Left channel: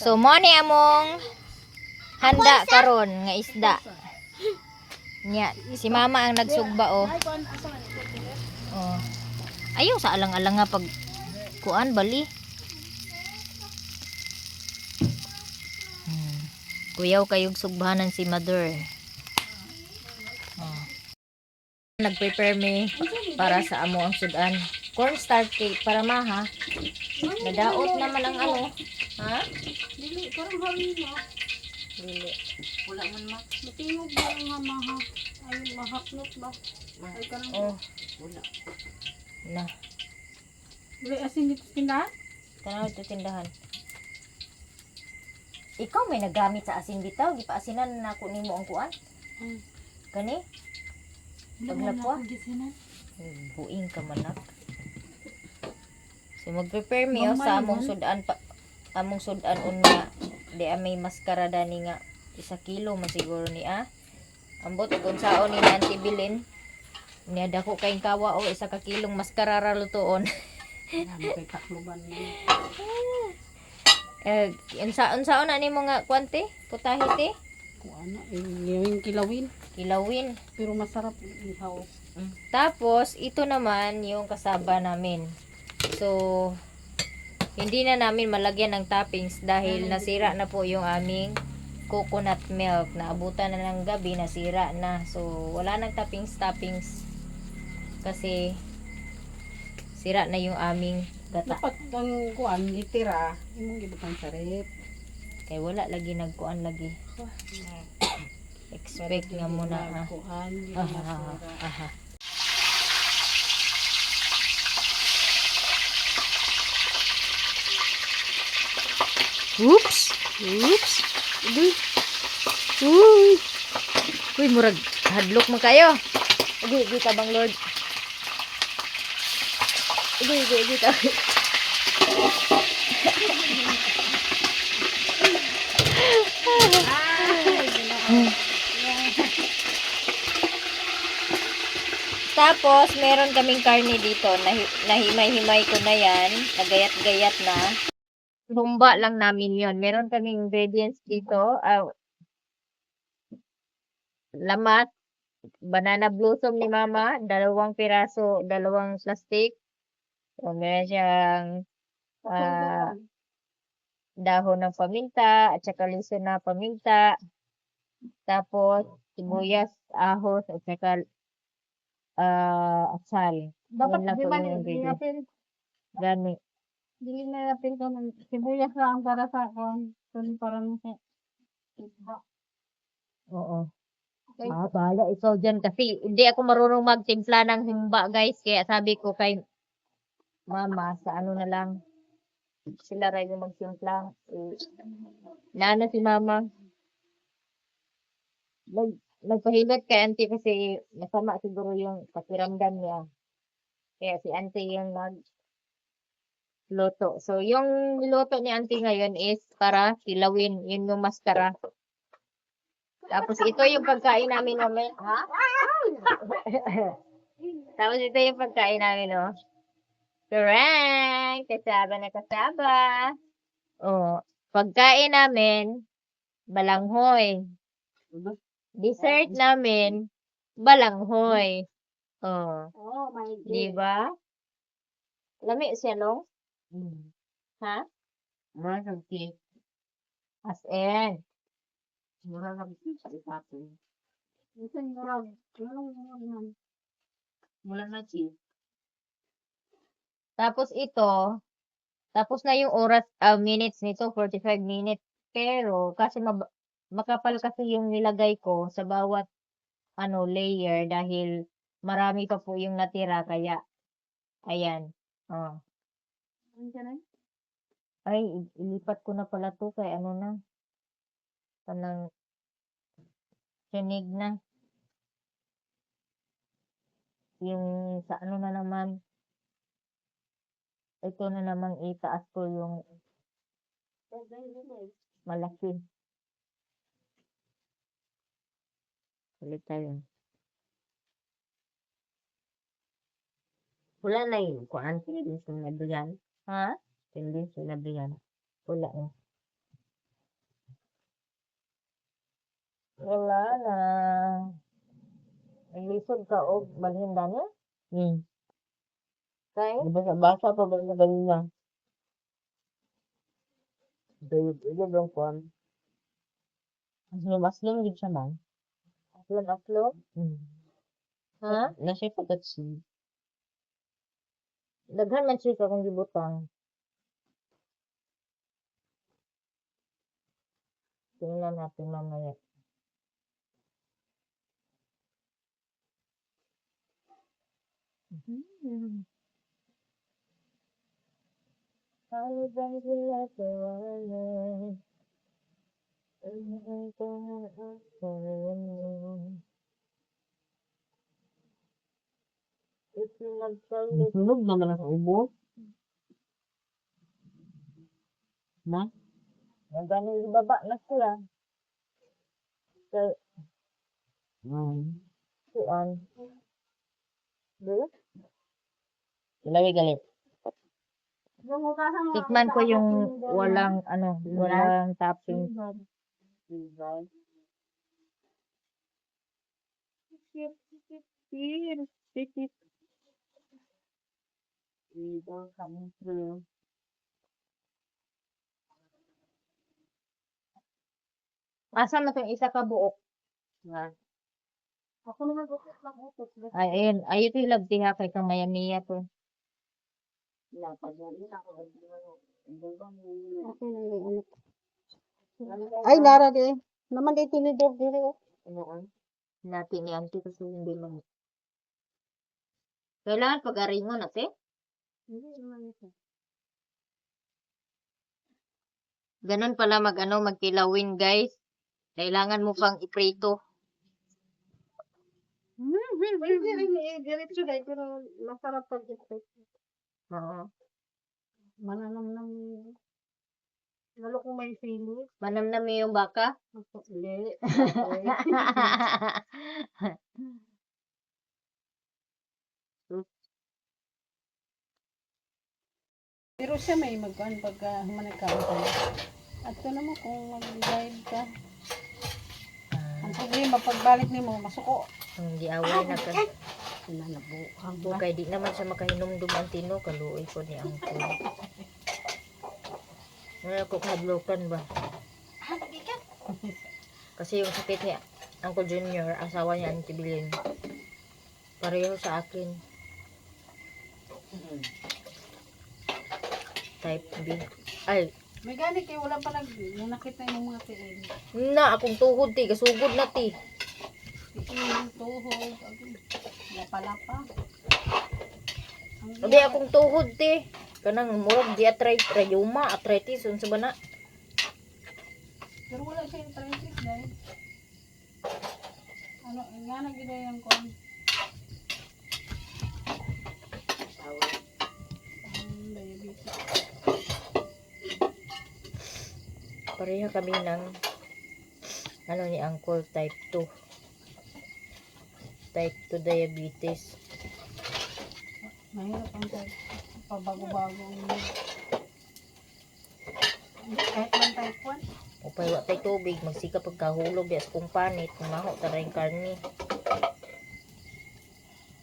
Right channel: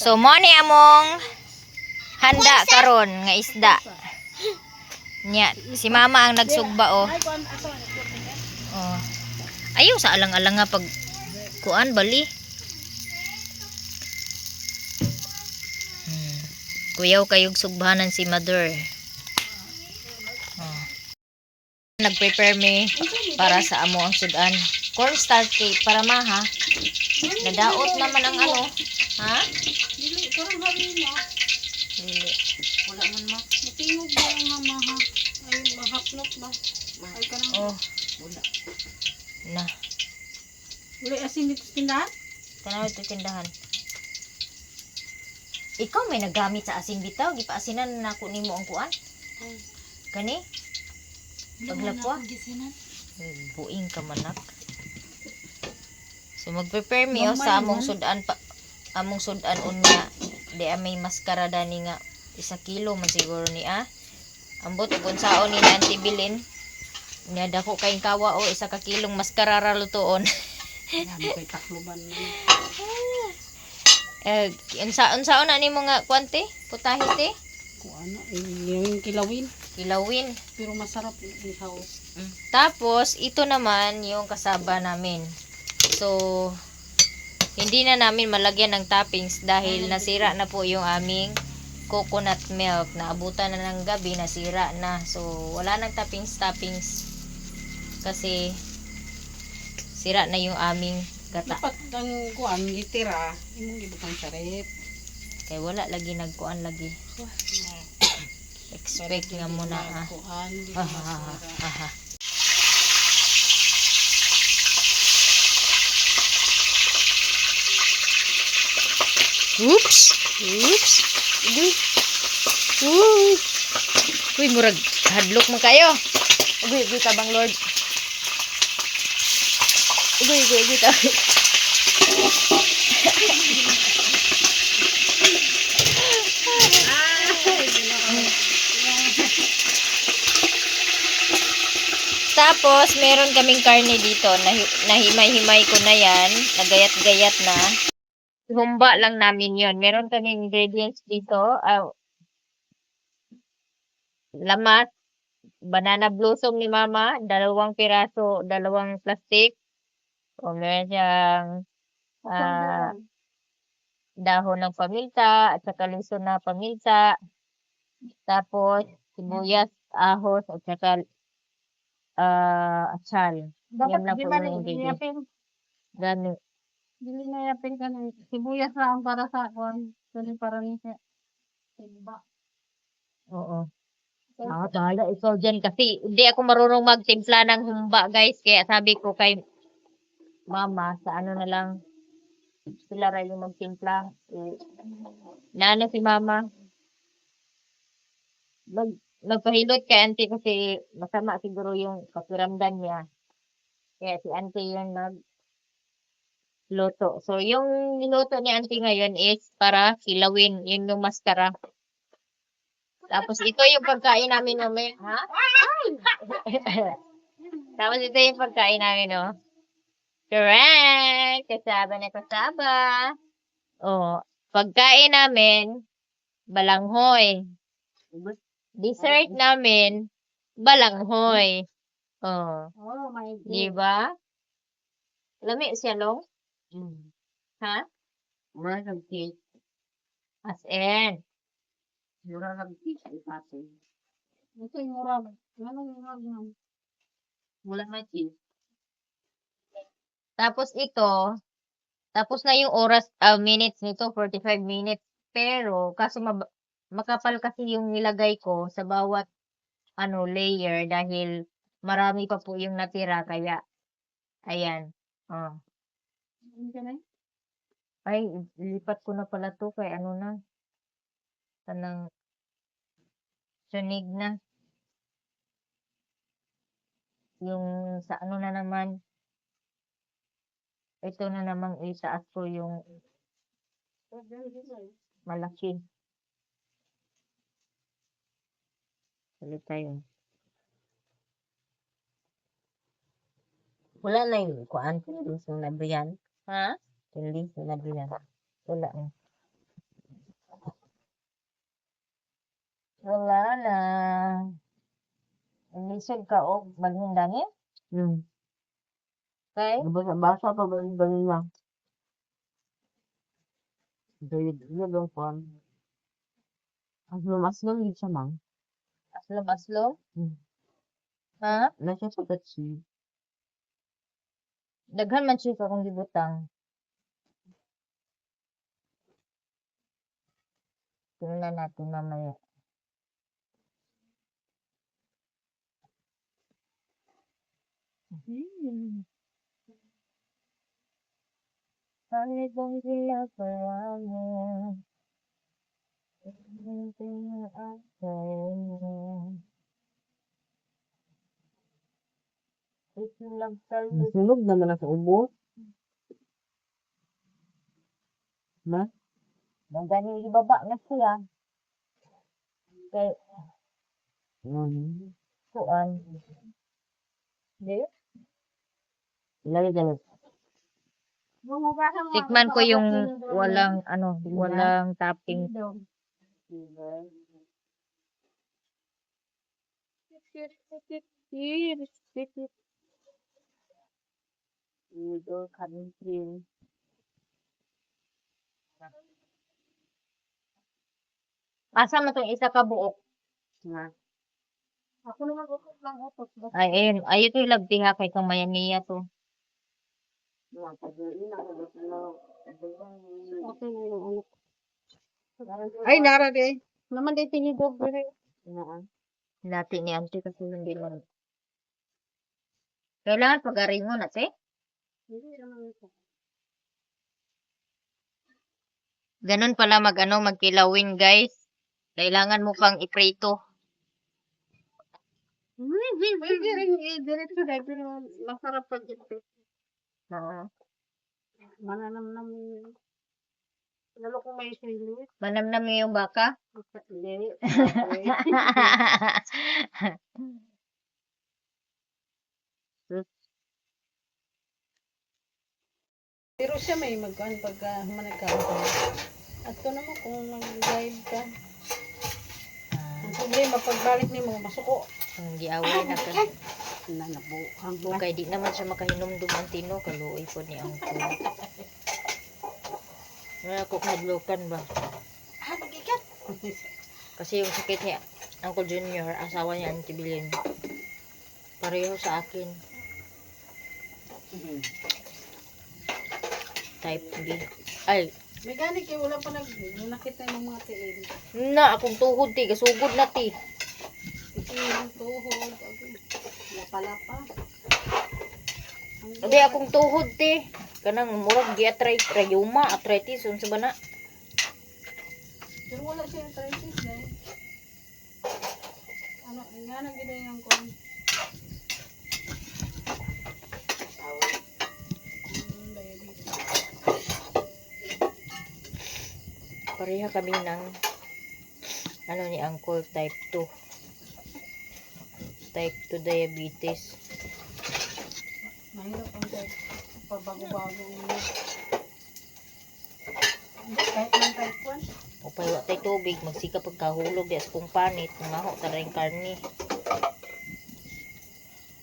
So mo ni among handa karon nga isda. Nya si mama ang nagsugba oh. Oh. Ayaw sa alang-alang nga pag kuan bali. Kuyaw kayog sugbahanan si mother. Oh. Nag-prepare me para sa amo ang sudan. Cornstarch cake para maha. Nadaot naman ang ano. Ha? Dili, karang hali mo. Dili. Wala man ma. Matingog ba nga maha? Ay, mahapnot ba? Ay, karang Oh. wala. Na. Wala asin dito sa tindahan? Tanaw ito tindahan. Ikaw may nagamit sa asin bitaw. Gipaasinan na ako nimo ang kuan. Kani? Paglapwa. Buing ka manak. So mag-prepare me oh, sa among sudan pa, among sudan unya di may maskara dani nga 1 kilo man siguro ni ambot ug unsaon ni Auntie Bilin niya dako kay kawa o 1 kilong maskara ra lutoon. Kay takloban na. Unsaon na nimo nga kwante putahe te Kuana yung kilawin. Kilawin. Pero masarap ihaw. Tapos ito naman yung kasaba namin. So hindi na namin malagyan ng toppings dahil nasira na po yung aming coconut milk. Naabutan na ng gabi, nasira na. So wala nang toppings kasi sira na yung aming gata. Dapat ang kuan gitira, imong gibutang sarip. Kay wala lagi nagkuan lagi. Expect nga muna Kuan aha. Oops. Uy, murag hadlok mo kayo. Uy, tabang Lord. Uy, tabang. Tapos, meron kaming karne dito. Nahimay-himay ko na yan. Nagayat-gayat na. Humba lang namin yon. Meron kaming ingredients dito. Lamas. Banana blossom ni mama. 2 piraso. 2 plastic. O meron siyang dahon ng paminta. At saka liso na paminta. Tapos, sibuyas, ahos, at saka atsal. dapat Yan lang di po man yung ingredients. yapin. Gani. Dili na yapin ka ng sibuyas lang para sa kuan. Dili para ni sa timba. Oo. Dala ikaw dyan kasi hindi ako marunong magtimpla ng humba guys. Kaya sabi ko kay mama sa ano na lang sila rin yung magtimpla. Naano si mama. Nagpahilot kay auntie kasi masama siguro yung pakiramdam niya. Kaya si auntie yung nagluto. So yung niluto ni auntie ngayon is para kilawin. Yun yung maskara. Tapos ito yung pagkain namin mamaya. Ha? Tapos ito yung pagkain namin, no? Correct! Kasaba na kasaba. Oh, pagkain namin, balanghoy. Dessert namin, balanghoy. Oh, Oh my God. di ba? Lami siya, long? Ha? Mura ng cake. As in. Mura ng cake sa itatin. Ito yung murag. Anong murag man? Mula na cheese. Tapos ito, tapos na yung oras, minutes nito, 45 minutes. Pero, kasi makapal kasi yung nilagay ko sa bawat layer dahil marami pa po yung natira. Kaya, ayan. Oh. Ay, ilipat ko na pala to kay ano na. Tanang sunig na. Yung sa ano na naman. Ito na namang itaas ko yung malaki. Ulit tayo. Wala na yung kuan. Tinlis yung nabriyan. Ha? Tinlis yung nabriyan. Wala eh. Wala na. Ilisod ka og balhin dani. Kay Basa pa ba yung ganun lang? Dahil ilo lang kuhan. Aslom-aslom din siya, ma'am. aslom-aslom. Ha? Na siya pagkatsi. Daghan man siya kung gibutang. Tingnan natin mamaya. Kahit ang ginagawa mo, tingnan ang mo. Isinagsalit. Sunog naman ang ubo. Na? Nagani ibaba na siya. Kay kuan. Di? Ilawi galit. Tikman ko yung walang walang topping. Ito, country. Asa man tong isa ka buok? Na. Ako naman utot lang utot. Ay, ayun. Ayun ito ilagtiha kay kang maya-miya to. Ay, nara di. Naman di tinidog dire. Dati ni auntie kasi hindi man. Kailangan pag-ari mo na, te. Hindi naman ito. Ganun pala magkilawin, guys. Kailangan mo pang iprito. Diretso dahil pero masarap pag ito. Oo. Mananamnam yun. Lalo kung may silit. Manamnam mo yung baka? Hindi. Pero siya may magkaan pagka managkaan ka. At ko naman kung mag-guide ka. Ang problema, pagbalik ni mo, masuko. Hindi away na ka. Nanabo. Ang Okay, di naman siya makahinumdum ang tino. Kaluoy po ni Angkol. Wala ko kahadlokan ba? Kasi yung sakit ni Uncle Junior, asawa niya Auntie Bilin. Pareho sa akin. Type B. Ay, may gani kay wala pa nakita yung mga tiil. na akong tuhod ti, gasugod na ti. Ito yung tuhog. Lapa-lapa. Abi akong tuhod ti. Kanang murag rayuma, arthritis unsa ba na? Pero wala siya yung arthritis dahil. Ano, nga na gina yung kon. Diabetes. Pareha kami ng ni Uncle type 2. Type 2 diabetes. Mahirap ang type. Pabago-bago ang kahit lang type 1. Upay wa tay tubig, magsika pagkahulog di kung panit, maho taray karni.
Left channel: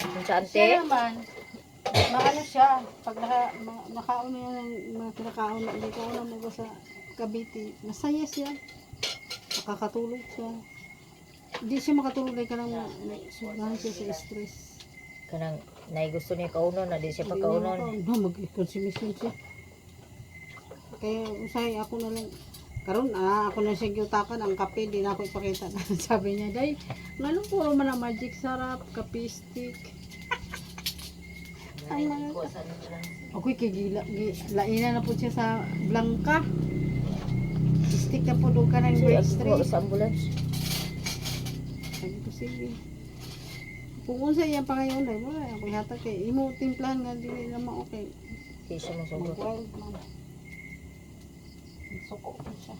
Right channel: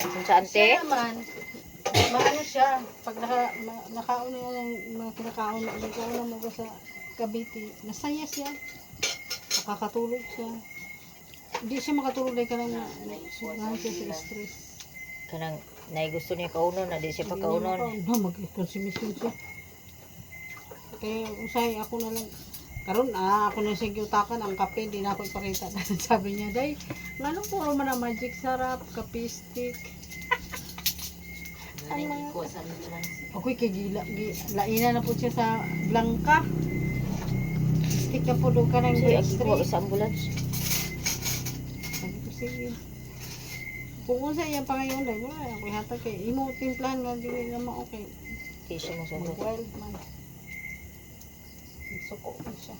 Unsa ante? Siya naman, maano siya, pag nakaon yung mga kinakaon, hindi ko alam mo sa Cavite, masaya siya. Makakatulog siya. Hindi siya makatulog dahil ka lang sugahan siya sa stress. Kanang nay gusto niya kaunon na di siya pa kaunon. No, mag-consumption siya. Kaya usay ako na lang. Karon ako na siya giutakan ang kape, di na ako ipakita. Sabi niya, day, ngano po man ang magic sarap, kape stick. Ay na. Ako'y kagila, laina na po siya sa Blanca. Stick na po doon ka ng Sige, agi extra. ko sa ambulance. Sabi ko, sige. Kung kung sa iyang pangayon, dahil wala, ako'y hatag kay imo timplahan nga, di naman okay. Kaya siya masugot. Mag-wild man. Suko pa siya.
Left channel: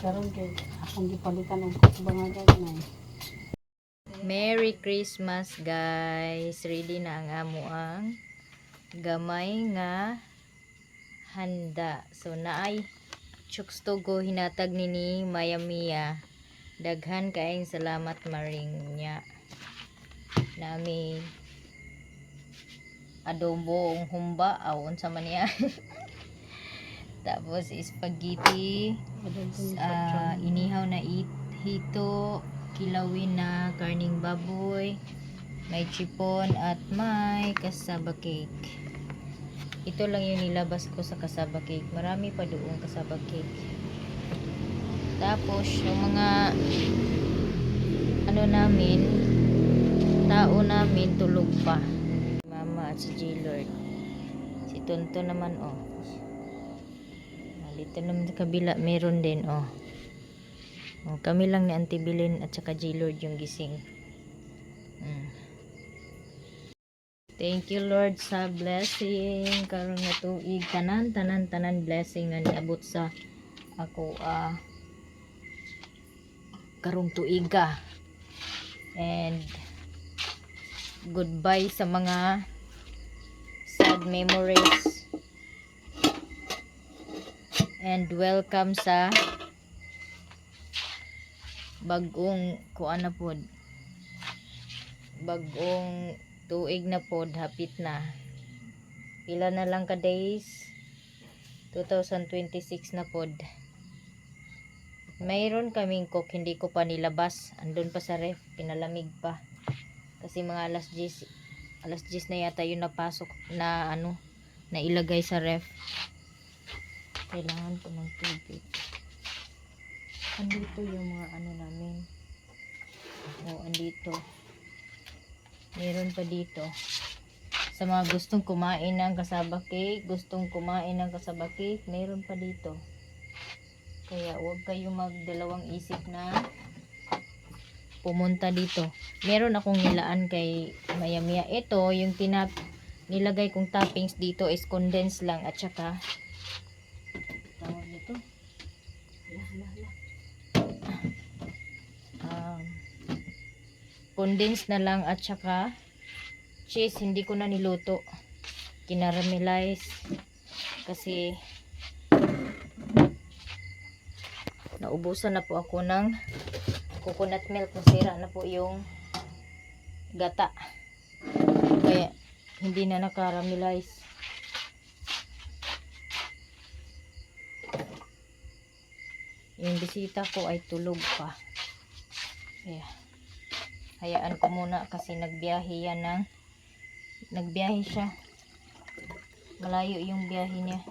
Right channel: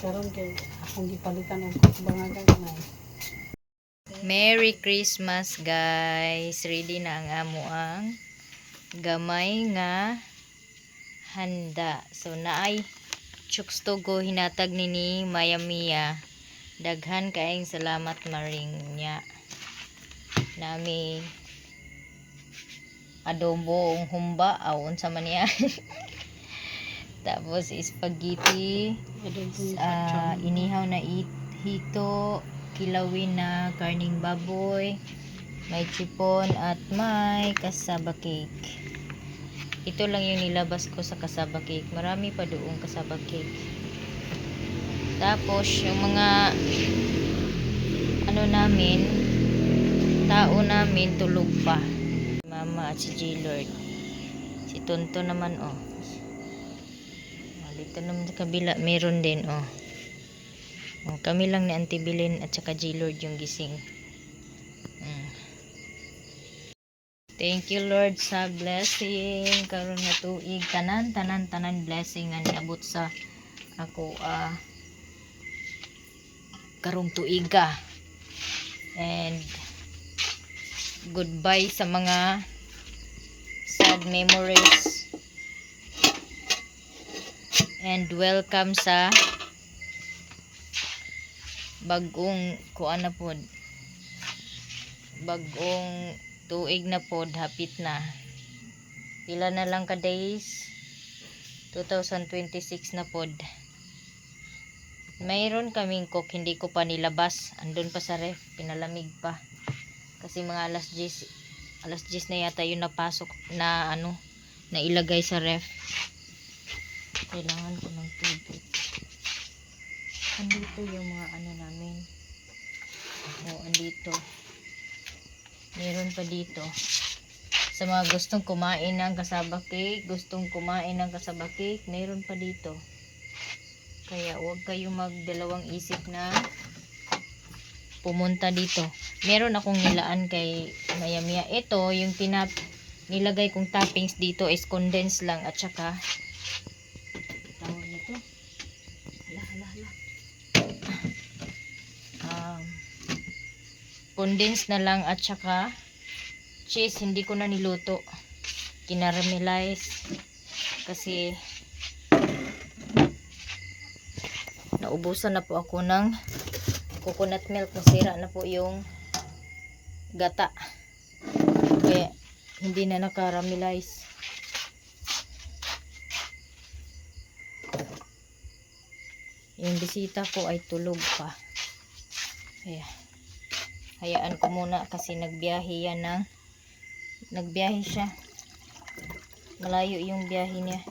Karon kay akong gipalitan og bangagan na. Merry Christmas, guys. Ready na ang amo ang gamay nga handa. So naay Chooks Togo hinatag ni Maya Mia. Daghan kaayong salamat maring nya. Nami adobo ang humba aw unsa man niya. Tapos spaghetti, inihaw na hito, kilawin na karning baboy, may chipon at may kasaba cake. Ito lang yung nilabas ko sa kasaba cake. Marami pa doong kasaba cake. Tapos yung mga tao namin tulog pa. Mama at si J-Lord. Si Tonto naman dito naman sa kabila meron din kami lang ni Auntie Bilin at saka J-Lord yung gising. Thank you Lord sa blessing karon nga tuig tanan blessing nga niabot sa ako karong tuiga. And goodbye sa mga sad memories. And welcome sa bagong bagong tuig na pod, hapit na. Pila na lang ka days? 2026 na pod. Mayroon kaming cook, hindi ko pa nilabas. Andun pa sa ref, pinalamig pa. Kasi mga alas 10 na yata yung napasok na na ilagay sa ref. Kailangan ko ng tubig. Andito yung mga namin. Andito. Meron pa dito. Sa mga gustong kumain ng kasaba cake, meron pa dito. Kaya huwag kayong magdalawang isip na pumunta dito. Meron akong nilaan kay Maya Mia. Ito, yung nilagay kong toppings dito is condensed lang at saka tawag nito. Condensed na lang at saka cheese, hindi ko na niluto. Kinaramelize kasi naubusan na po ako ng coconut milk, nasira na po yung gata. Kaya hindi na nakaramelize. Yung bisita ko ay tulog pa. Kaya hayaan ko muna kasi nagbiyahe siya. Malayo yung biyahe niya.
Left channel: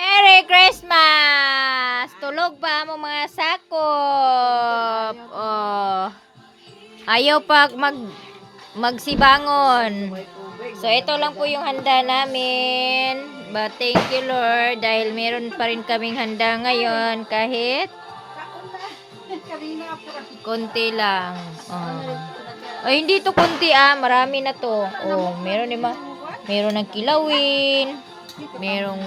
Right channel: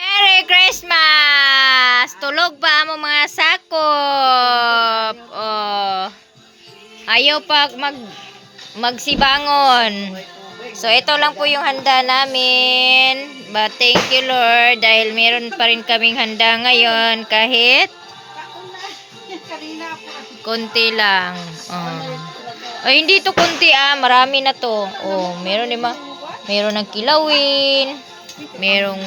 Merry Christmas! Tulog pa mo mga sakop. Ayaw pa magsibangon. So, ito lang po yung handa namin. But, thank you, Lord. Dahil meron pa rin kaming handa ngayon. Kahit konti lang. Hindi to konti marami na to. Meron ng kilawin. Merong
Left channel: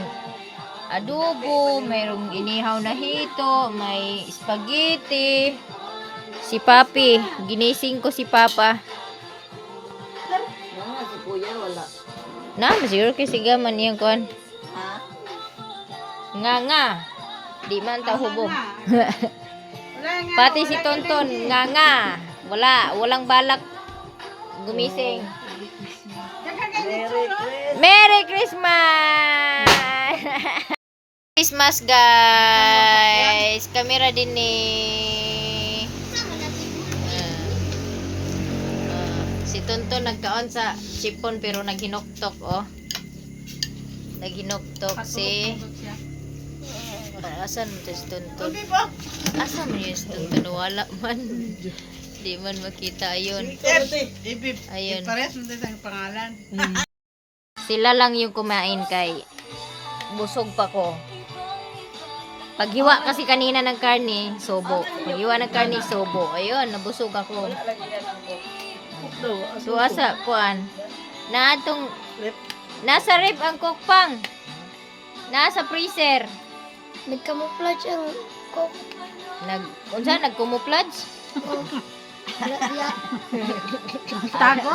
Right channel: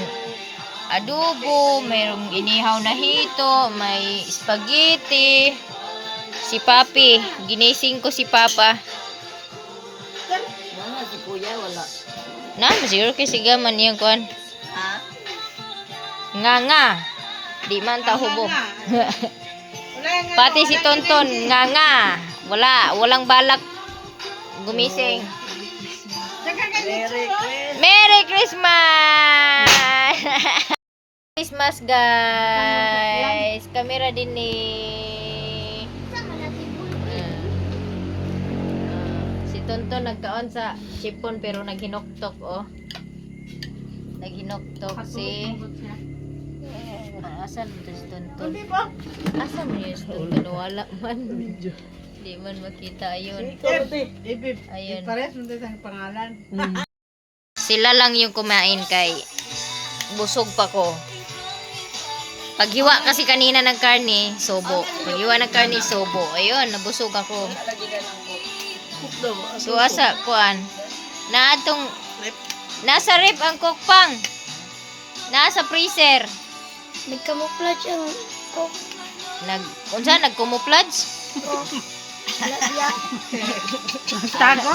adobo. Merong inihaw na hito. May spaghetti. Si Papi. Ginising ko si Papa. Wala. Siguro kasi gaman yung kuan. Nga. Di man ta hubog. Pati si Tonton, nga. Walang balak gumising. Merry Christmas! Christmas guys. Kamera din ni Tonton nagkaon sa chipon pero naghinoktok naghinoktok si asan mo si Tonton? Asan mo yung Tonton? Wala man. Di man makita ayun. Ayun. Parehas mo tayo ang pangalan. Sila lang yung kumain kay busog pa ko. Paghiwa kasi kanina ng karne, sobo. Paghiwa ng karne, sobo. Ayun, nabusog ako. So asa kuan nasa rep ang cookpang, nasa freezer. Nagkamuflage ang cook. Unsa nagkumuflage? Tago.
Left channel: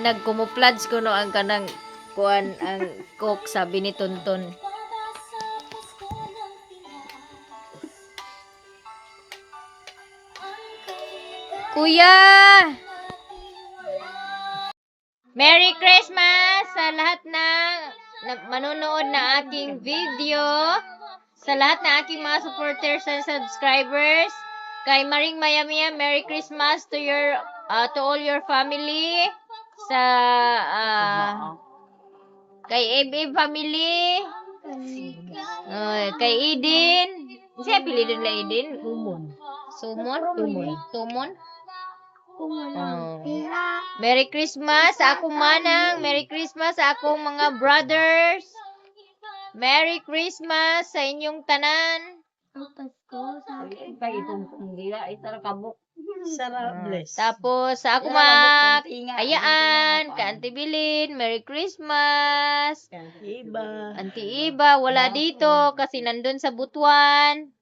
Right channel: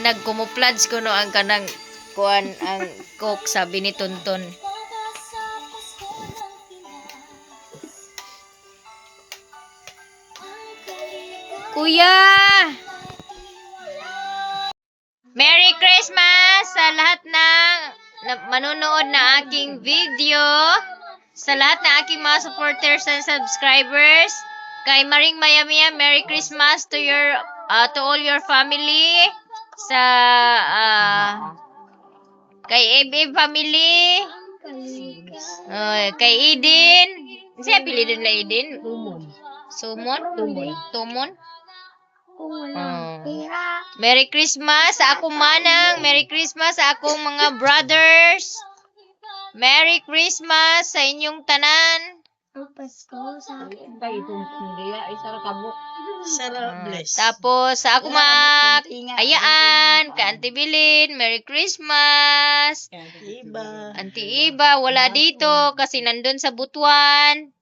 Nagkumuplods ko no ang kanang kuan ang cook sabi ni Tonton. Kuya! Merry Christmas sa lahat ng manonood na aking video. Sa lahat ng aking mga supporters and subscribers. Kay Maring Mayamia, Merry Christmas to to all your family. Sa kay Ebe family. Kay Eden. Siya pili din na Eden. Sumon? Tumon? Merry Christmas sa akong manang. Merry Christmas sa akong mga brothers. Merry Christmas sa inyong tanan. Tapos sa akong mga ayaan, ka Auntie Bilin, Merry Christmas. Auntie Iba, wala dito kasi nandun sa Butuan.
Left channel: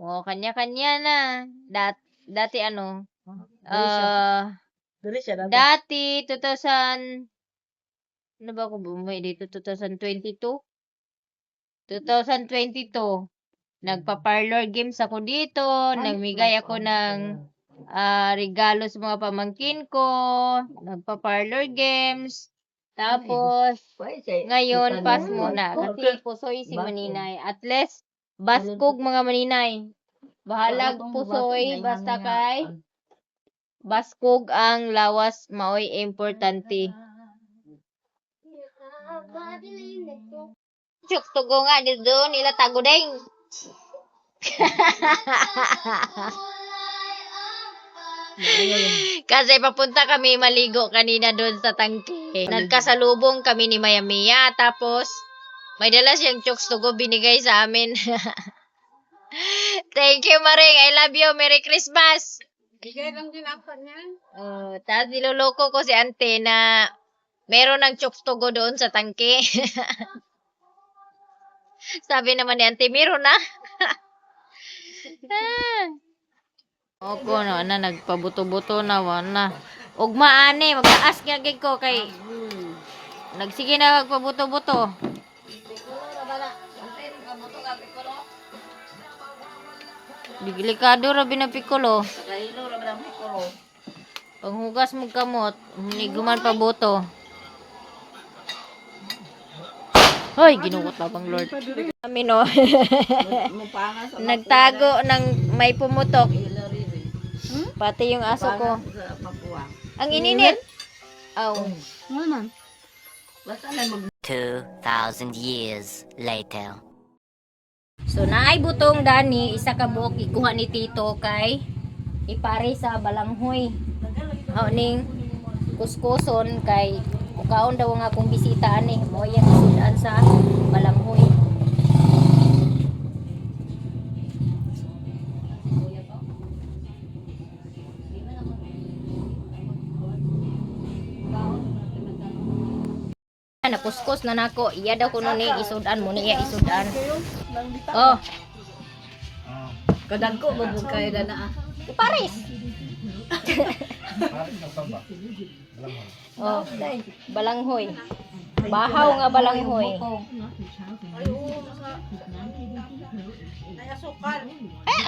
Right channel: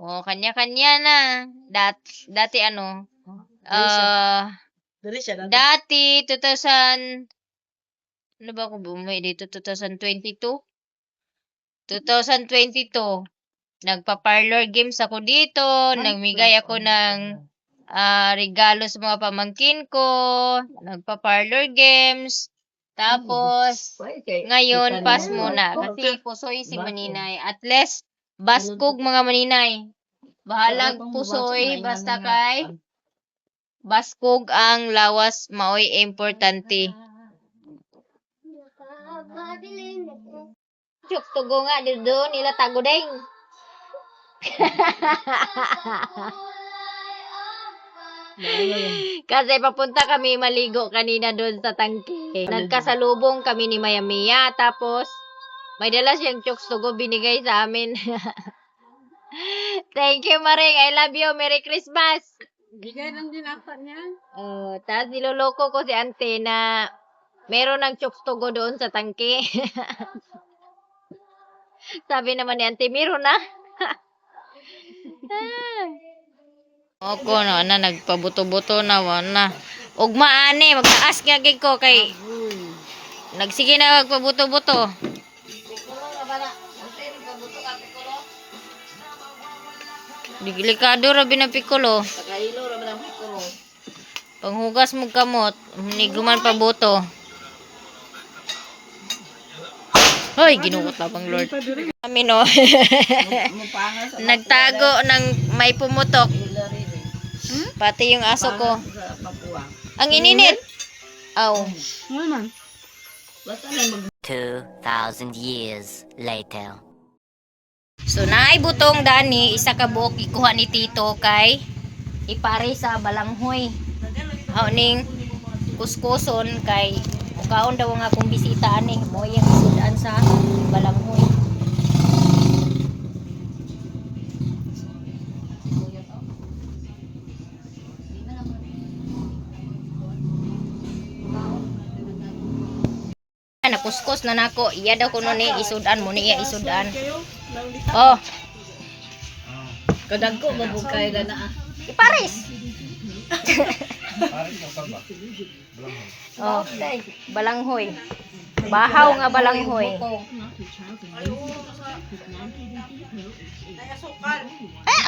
Kanya-kanya na. Dati ano? Dati 2000 ano ba ako bumay dito 2022 nagpa-parlor games ako dito, nagmigay ako ng regalo sa mga pamangkin ko, nagpa-parlor games. Tapos ngayon pas muna kasi pusoy si Maninay. At least baskog mga Maninay. Bahalag pusoy basta kay baskog ang lawas maoy importante. Chuk tugo nga dito nila tago ding. Kasi papunta kami maligo kanina doon sa tangke. Nagkasalubong kami ni Mayamia tapos may dala siyang chooks tugo binigay sa amin. Thank you Maring, I love you. Merry Christmas. Bigay lang din ako niya. Tapos niloloko ko si ante na meron ng chooks tugo doon sa tangke. Sabi naman ni ante, meron na. Oko na nagpabuto-buto na wana. Ugma ani magtaas nga gid ko kay nagsige na magpabuto-buto. Delikado ra binapikulo. Panghugas mo kamot, niguman pa buto. Hoy, ginugot na bang Lord. Kami no. Nagtago ng may pumutok. Pati yung aso ko. Ang ininit. Aw. 2,000 years later. So naay butong dani isa ka buok ikuha ni Tito kay ipare sa balanghoy. Ning kuskuson kay mukaon daw nga akong bisita ani mo yang isudan sa balanghoy. Nakuskus na nako iya daw kuno ni isudan mo niya isudan. Oh. Kadagko mabugkay na na. Iparis. Oh, balanghoy. Bahaw nga balanghoy.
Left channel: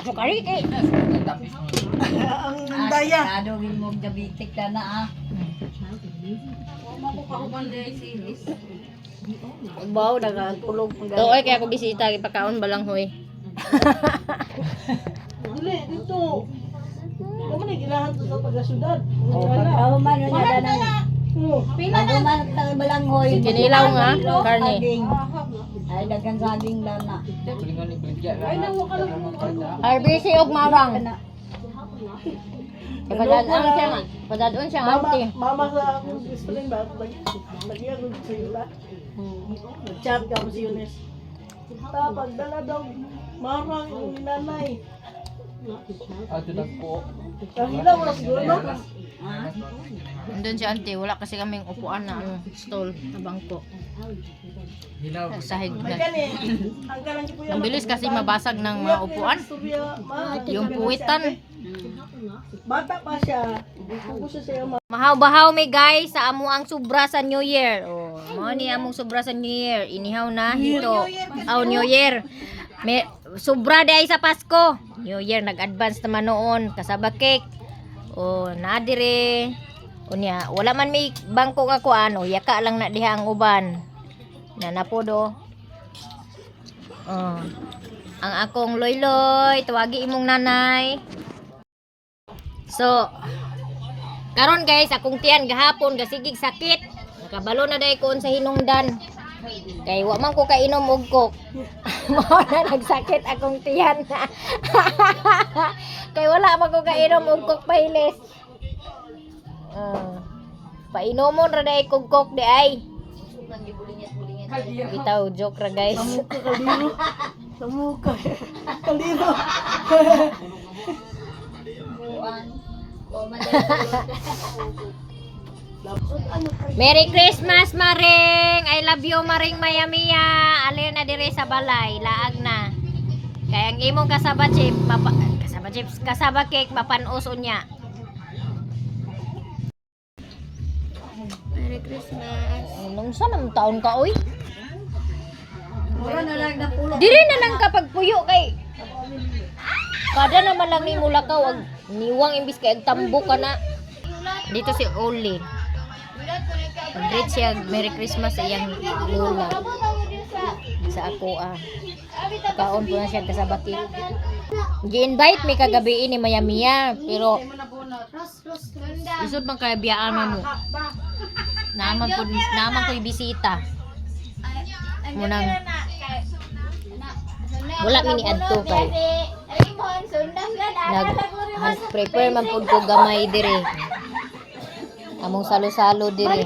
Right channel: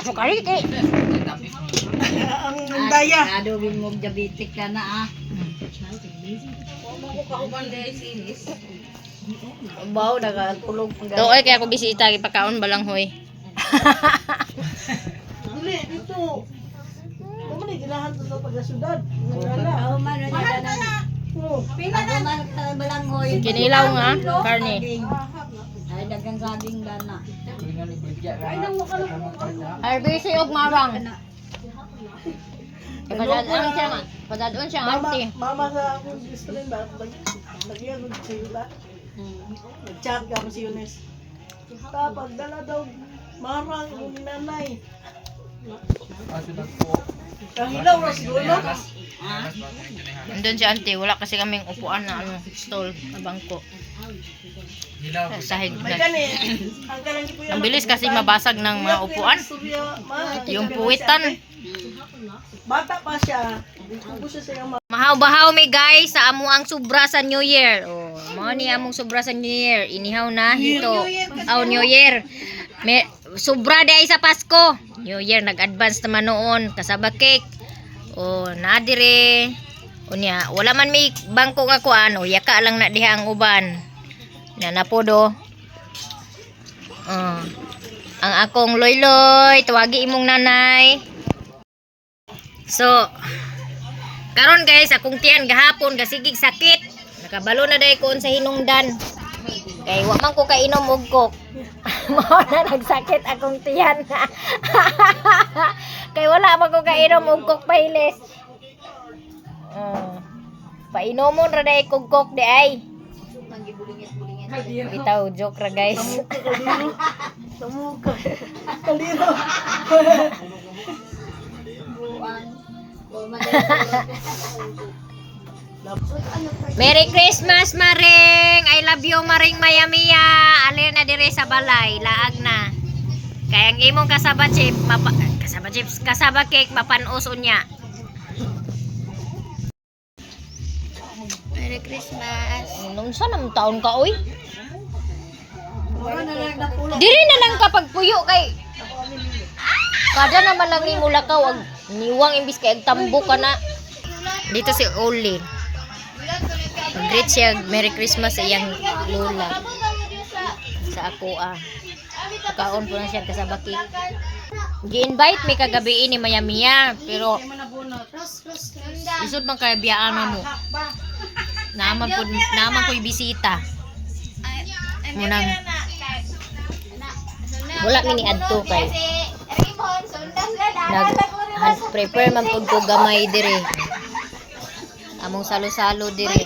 Asukal kay. Ang daya. Adobin mo diabetic ka na Baw nagakulog. Doy kaya ako bisita ipakaon balanghoy. Dili dito. Mo ni ginahan to sa pagasudan. Oh, man niya na. Pinaman ka balanghoy. Kinilaw nga karne. Ay dagang saging dana. RBC og mawang. Padadon siya auntie. Mama sa akong sister ba lagyan ng sila. Nag-chat ka si Yunes. Tapos dala daw marang yung nanay. Kahilaw na siguro no? Andun si auntie, wala kasi kaming upuan na stall na bangko. Sahig May na. kani. Ang kalang po Ang bilis kasi mabasag ng mga upuan. Yung puwitan. Bata pa siya. Kung gusto siya Mahaw-bahaw mi guys sa amo ang sobra sa New Year. Oh, mao ni among sobra sa New Year. Inihaw na hito. Oh, New Year. May sobra di ay sa Pasko. New Year nag-advance naman noon kasaba cake. Oh, na dire. Unya, wala man may bangko nga kuan. Oh, yaka lang na diha ang uban. Na napodo. Ang akong loy-loy, tuwagi imong nanay. So, karon guys, akong tiyan gahapon gasigig sakit. Nakabalo na day ko sa hinungdan. Kay wa man ko kainom og kok. Mao na nagsakit akong tiyan. Kay wala man ko kainom og kok pahilis. Painomon ra day kog kok di ay. Bitaw joke ra guys. Samuka. Kalino. Merry Christmas Maring. I love you Maring Mayamiya. Ali na dire sa balay, laag na. Kay ang imong kasaba chip, kasaba cake mapanos unya. Merry Christmas. Nung sa nam taon ka oy? Dili na lang kapag puyo kay kada naman lang ni mulakaw ag niwang imbis kay agtambo ka na. Dito si Oli. Pag-greet siya, Merry Christmas sa iyang lola. Sa ako Pagkaon po na siya kasabaki. Gi-invite may kagabi ni Mayamiya. Pero isod bang kaya biyaan mo? Naman ko ibisita. Munang wala mini adto kay prepare man pud ko gamay dire. Among salo-salo dire.